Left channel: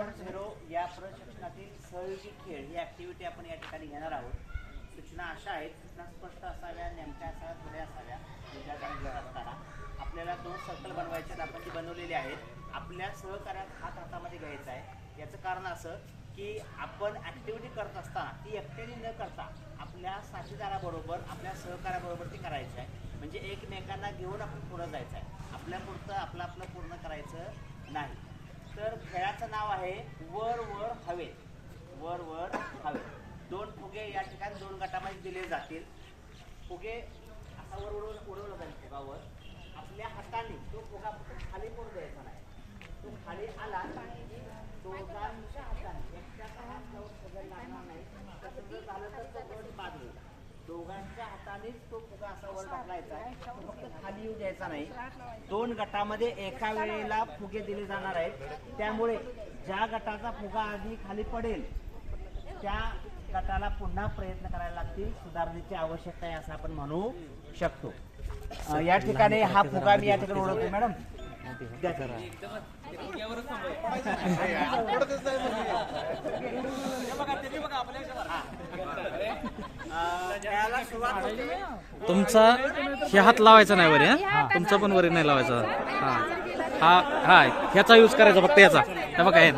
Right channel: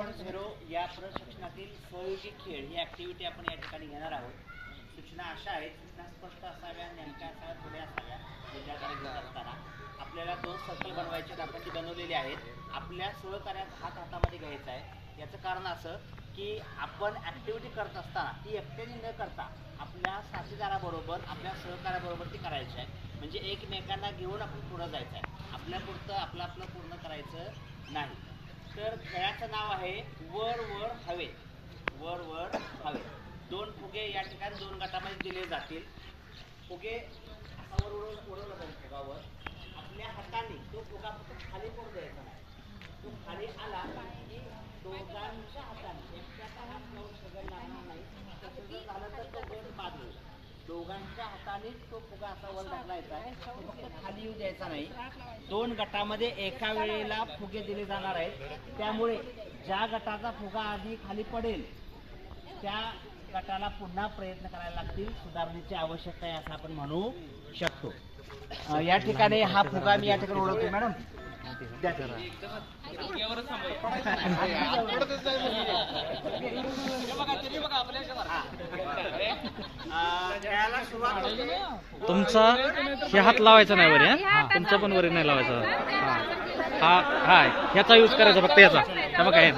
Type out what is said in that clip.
Point zero या प्रशिक्षणातील सहयोगी खेळ ही ऍक्टिव्हिटी आपण या ठिकाणी घेणार आहोत. सूचना अशा आहेत सूचना स्पष्ट असाव्या नेमक्या असाव्या थोड्या असाव्या विचारधारा घेत असताना. आपल्याला दोन सर्कल बनवायचे आहेत आपण ती बनवलेली आहेत. आपल्या सहकार्यात हात हातामध्ये घ्यायचा आहे. याचं कारण असं की आपण ॲक्टिव्हिटी करत असताना ती एकट्याने न करता आपल्या साथीदाराबरोबर आपल्या सहकार्याबरोबर ती करायची आहे. म्हणजे एकमेकांना घेऊन आपण पुढं जायचं आहे. आपल्यापुरतं आपलं आपलं पूर्ण करायचं नाही. तर खेळाचं नाव आहे वर वर हवे. वर वर हवे. दोन फुगे या ठिकाणी दोन गटामध्ये दिले जातील. फुगे असा वर उडवलं उडवलं पाहिजे फुगावर. आपल्या हाताने तो फुगा फक्त खाली पडू द्यायचा नाही. तो खाली आला की दोघांच्या हाताने. हातानेच तो फुगा असा वर ढकलायचा आहे तो फक्त खाली येऊ द्यायचा नाही. दोन गटामध्ये एका वेळेला फुगे दिले जाणार आहेत. त्यामुळे ज्या गटाचा फुगा आधी खाली पडेल त्या गटाला पुन्हा प्रयत्न करायला लागतील. सुधारणेची आवश्यकता आहे असं आपण म्हणू शकतो. या ठिकाणी हा फुगा मी या ठिकाणी ओळखतो. मॅडम? तुमचा हे हात लावायचा नाही वरी हा? तुमचा पण वरी नाही लावायचा. हा. हा ह्याचा यूज करायचा फक्त याचा. बघा हे.